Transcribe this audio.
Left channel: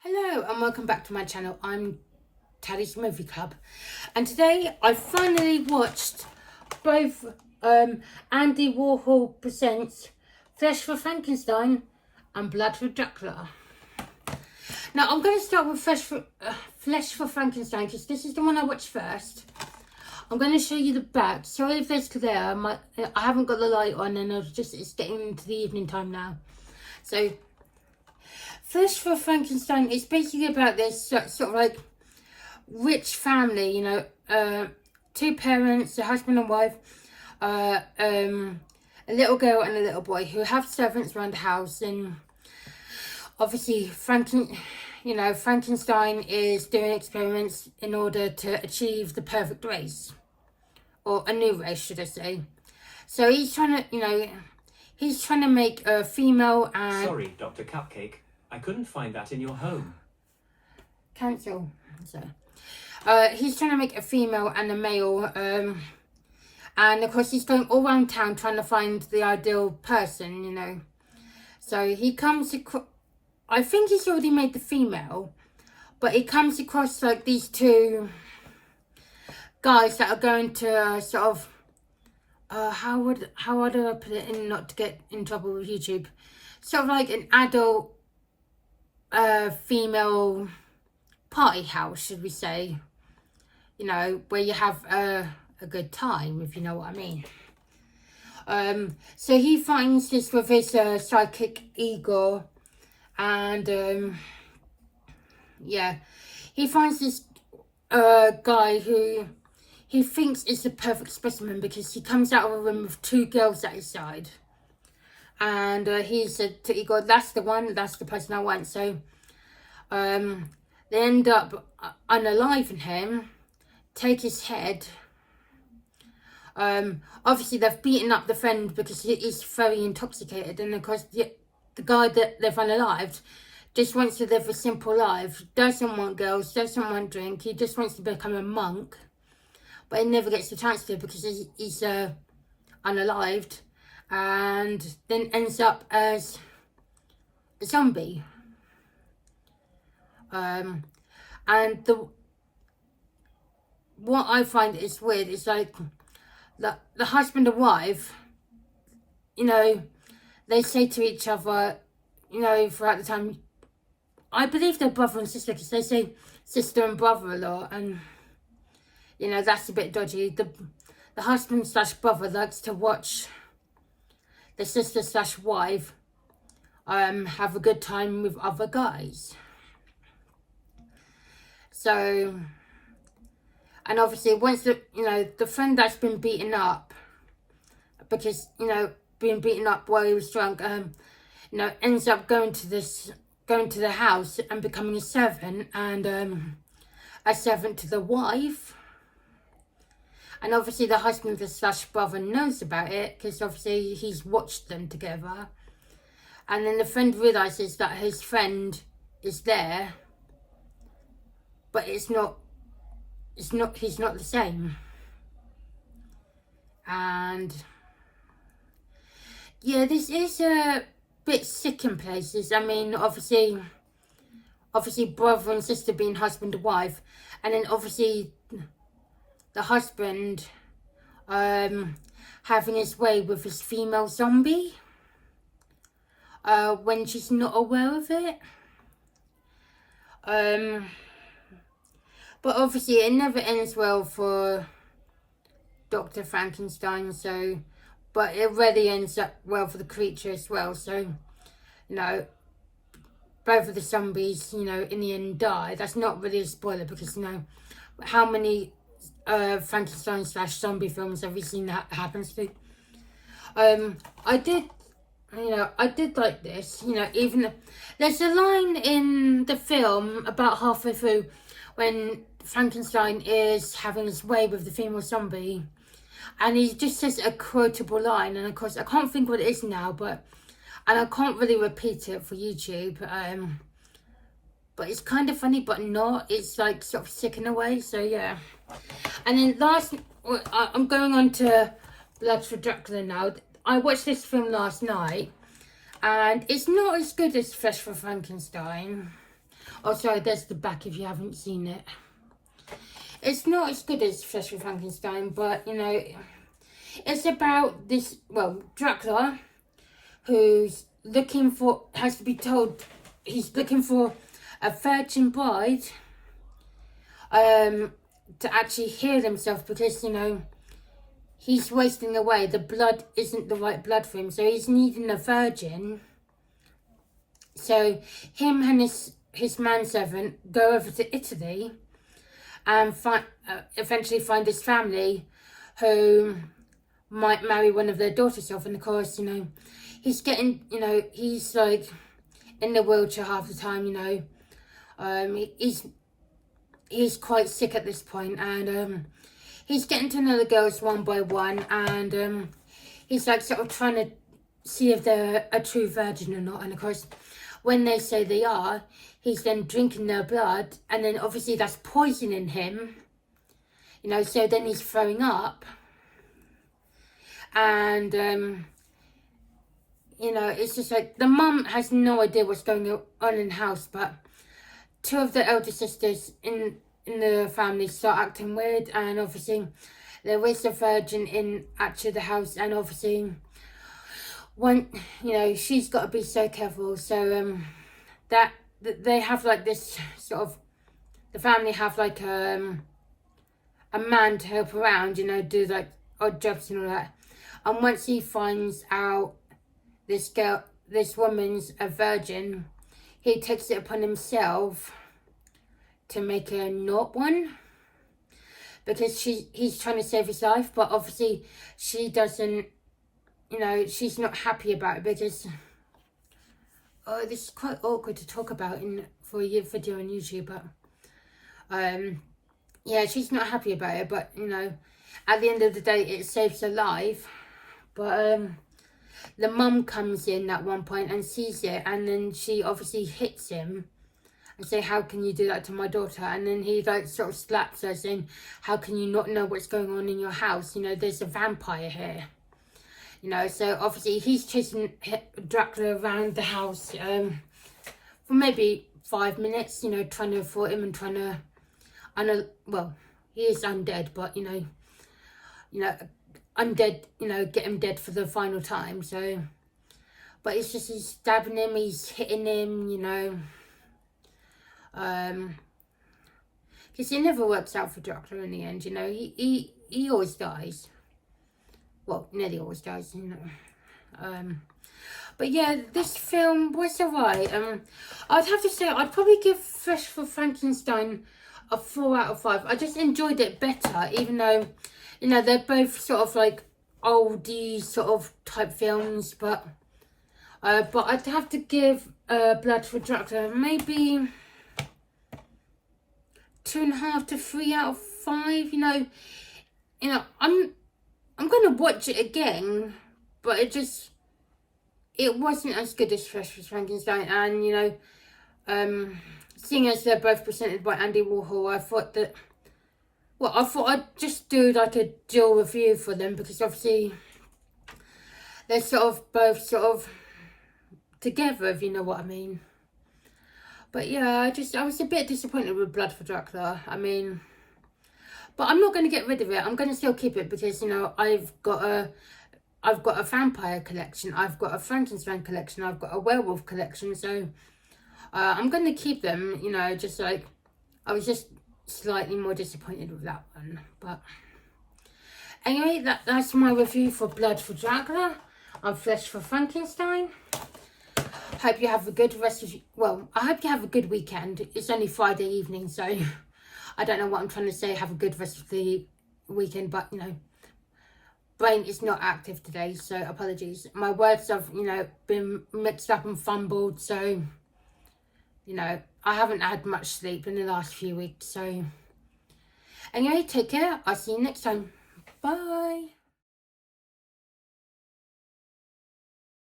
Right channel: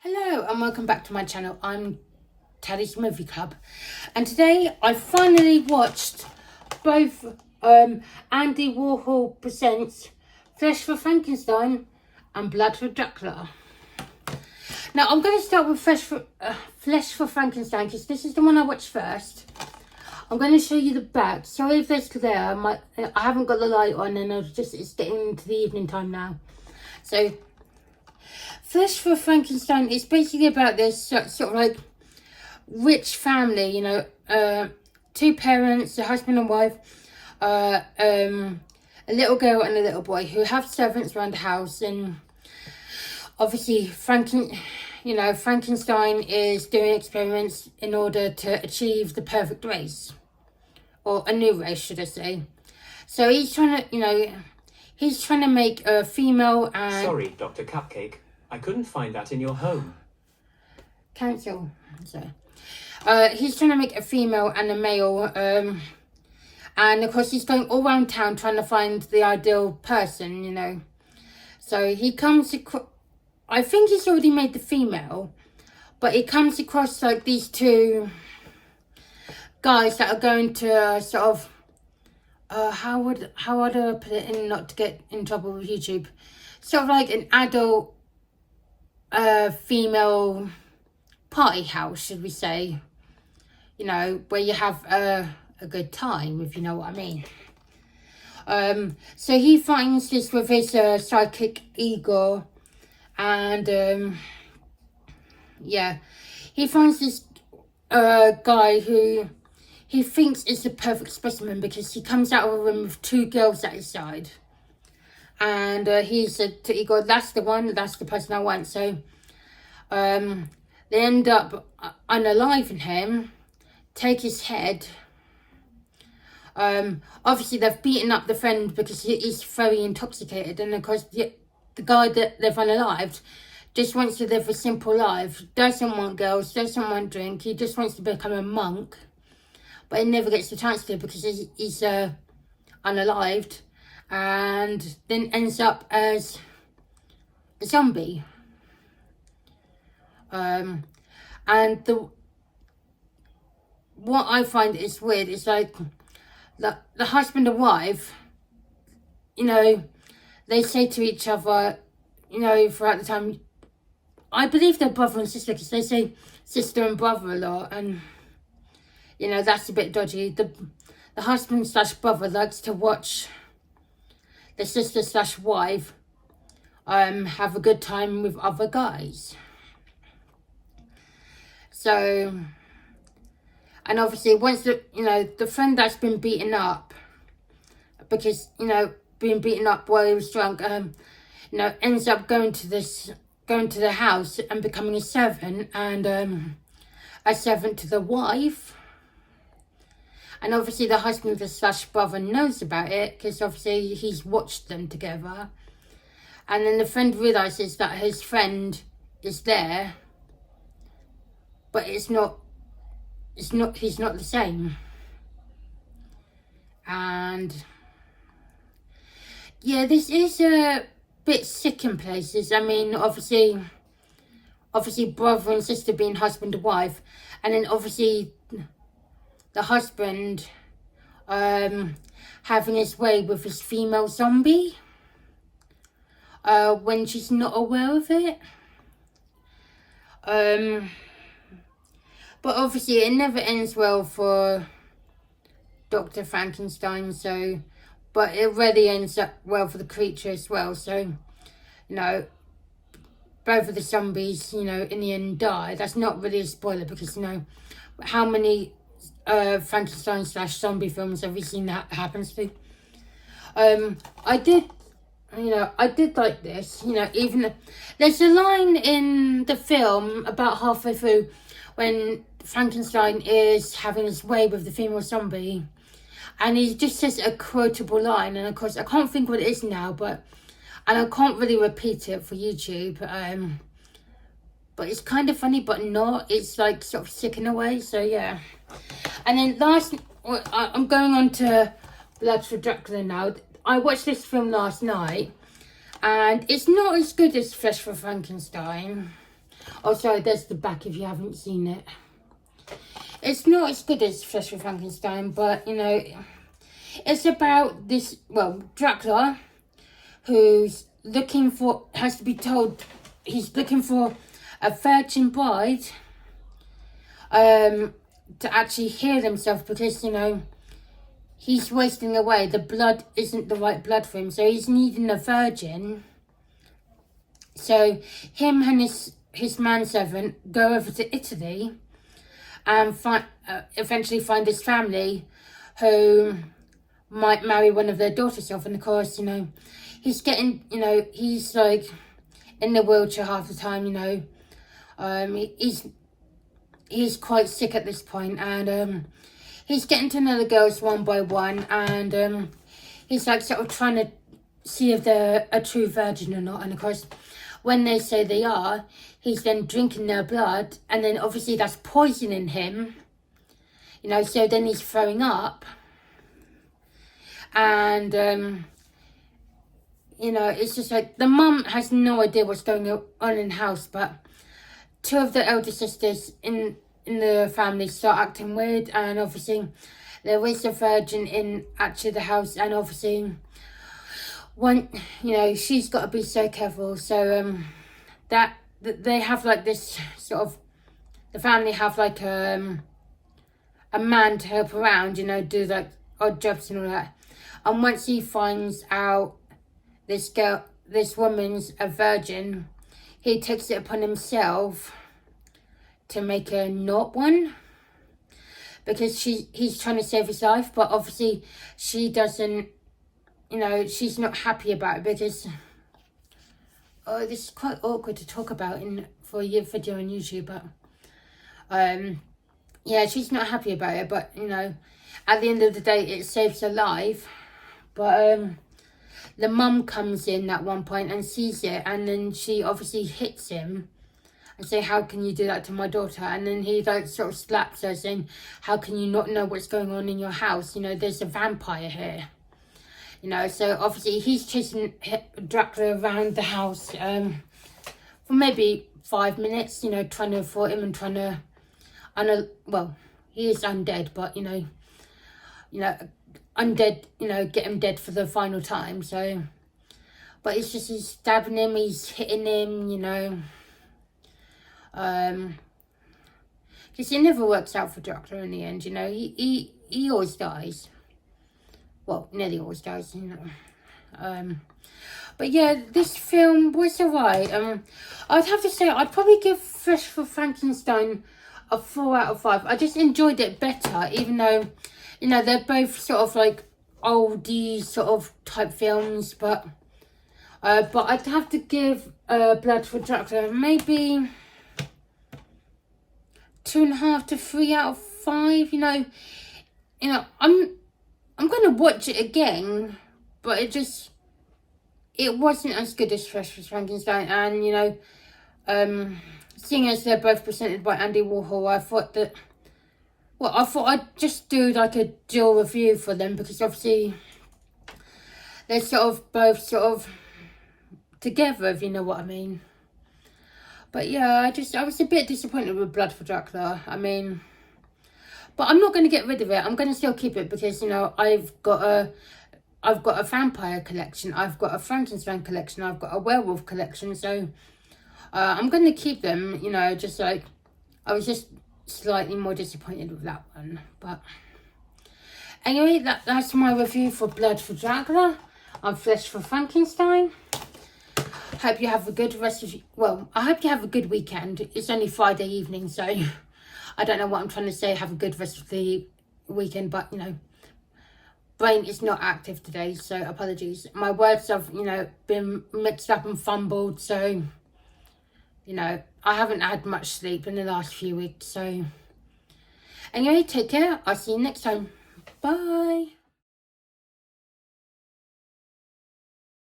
Hello and welcome back to my channel. I'm Taddy's Movie Club, and today I finally watched both Andy Warhol presents Flesh for Frankenstein and Blood for Dracula. Now I'm going to start with Flesh for Frankenstein because this is the one I watched first. I'm going to show you the back. Sorry if it's glare. I haven't got the light on, and it's getting into the evening time now. So Flesh for Frankenstein is basically about this sort of like rich family, you know, two parents, a husband and wife, a little girl and a little boy who have servants around the house. And obviously Frankenstein is doing experiments in order to achieve the perfect race, or a new race, should I say. So he's trying to make a female and... Sorry, Dr. Cupcake. I couldn't find that in your home. Cancel. So, he's trying to make a female and a male, and of course he's going all around town trying to find the ideal person, you know. So he comes across, I think he's already made the female, but he comes across like these two guys that are going to sort of, how would I put it in not to get in trouble with YouTube, sort of like an adult female party house, should we say, you know, where you have a good time, if you know what I mean. So he finds this with his sidekick Igor, and yeah, he finds this guy who he thinks is the perfect specimen because he comes out of a room with two girls at his side. And he said to Igor, that's the one, that's the person I want. So they end up unaliving him, take his head. Obviously they've beaten up the friend because he's very intoxicated. And of course the guy that they've unalived just wants to live a simple life. Doesn't want girls, doesn't want drink. He just wants to become a monk. But he never gets the chance to because he's unalived. And then ends up as a zombie. And what I find is weird is like the husband and wife, you know, they say to each other, you know, throughout the time, I believe they're brother and sister because they say sister and brother a lot, and you know, that's a bit dodgy. The husband / brother likes to watch the sister / wife have a good time with other guys. So, and obviously once the friend that's been beaten up, because, you know, being beaten up while he was drunk, you know, ends up going to the house and becoming a servant, and a servant to the wife. And obviously the husband / brother knows about it because obviously he's watched them together. And then the friend realises that his friend is there, but he's not the same. And yeah, this is a bit sick in places. I mean, obviously brother and sister being husband and wife, and then obviously the husband having his way with his female zombie when she's not aware of it. But obviously it never ends well for Dr. Frankenstein, so, but it really ends up well for the creature as well. So, you know, both of the zombies, you know, in the end die. That's not really a spoiler because, you know, how many Frankenstein / zombie films have you seen that happens to? I did like this, you know, even there's a line in the film about halfway through when Frankenstein is having his way with the female zombie, and he just says a quotable line, and of course I can't think what it is now, and I can't really repeat it for YouTube, but it's kind of funny but not, it's like sort of sick in a way. So yeah. And then I'm going on to Blood for Dracula now. I watched this film last night, and it's not as good as Flesh for Frankenstein. Oh, sorry, there's the back if you haven't seen it. It's not as good as Flesh for Frankenstein, but, you know, it's about this, well, Dracula, who's looking for, has to be told, he's looking for a virgin bride to actually heal himself because, you know, he's wasting away. The blood isn't the right blood for him, so he's needing a virgin. So him and his manservant go over to Italy and eventually find his family who might marry one of their daughters off. And of course, you know, he's getting, you know, he's like in the wheelchair half the time, you know. He's quite sick at this point, and he's getting to know the girls one by one, and he's like sort of trying to see if they're a true virgin or not. And of course, when they say they are, he's then drinking their blood, and then obviously that's poisoning him, you know, so then he's throwing up. And you know, it's just like the mum has no idea what's going on in the house, but two of the elder sisters in the family start acting weird, and obviously there is a virgin in actually the house, and obviously one, you know, she's got to be so careful. So that they have like this sort of, the family have like a man to help around, you know, do like odd jobs and all that. And once he finds out this woman's a virgin, he takes it upon himself to make her not one, because he's trying to save his life, but obviously she doesn't, you know, she's not happy about it because, oh, this is quite awkward to talk about for a video on YouTube, but yeah, she's not happy about it, but, you know, at the end of the day, it saves her life. But the mum comes in at one point and sees it, and then she obviously hits him and say, how can you do that to my daughter? And then he like sort of slaps her, saying, how can you not know what's going on in your house? You know, there's a vampire here. You know, so obviously he's chasing Dracula around the house for maybe 5 minutes, you know, trying to avoid him and trying to, well, he is undead, but, you know, undead, you know, get him dead for the final time. So, but it's just, he's stabbing him, he's hitting him, you know, because it never works out for Dracula in the end, you know. He always dies. Well, nearly always dies, you know. But yeah, this film was alright. I'd have to say I'd probably give Flesh for Frankenstein a 4 out of 5. I just enjoyed it better, even though, you know, they're both sort of like oldie sort of type films, but I'd have to give Blood for Dracula maybe 2.5 to 3 out of 5. You know, I'm gonna watch it again, but it wasn't as good as Flesh for Frankenstein. And, you know, seeing as they're both presented by Andy Warhol, I thought that, well, I thought I'd just do like a dual review for them, because obviously they're sort of both sort of together, if you know what I mean. But yeah, I was a bit disappointed with Blood for Dracula. I mean, but I'm not going to get rid of it. I'm going to still keep it because, you know, I've got a vampire collection, I've got a Frankenstein collection, I've got a werewolf collection. So I'm going to keep them, you know, just like, I was just slightly more disappointed with that one. But anyway, that's my review for Blood for Dracula and Flesh for Frankenstein. Hope you have a good I hope you have a good weekend. It's only Friday evening, so I don't know what I'm trying to say, have a good rest of the weekend, but, you know, brain is not active today, so apologies. My words have, you know, been mixed up and fumbled, so, you know, I haven't had much sleep in the last few weeks. So anyway, take care. I'll see you next time. Bye.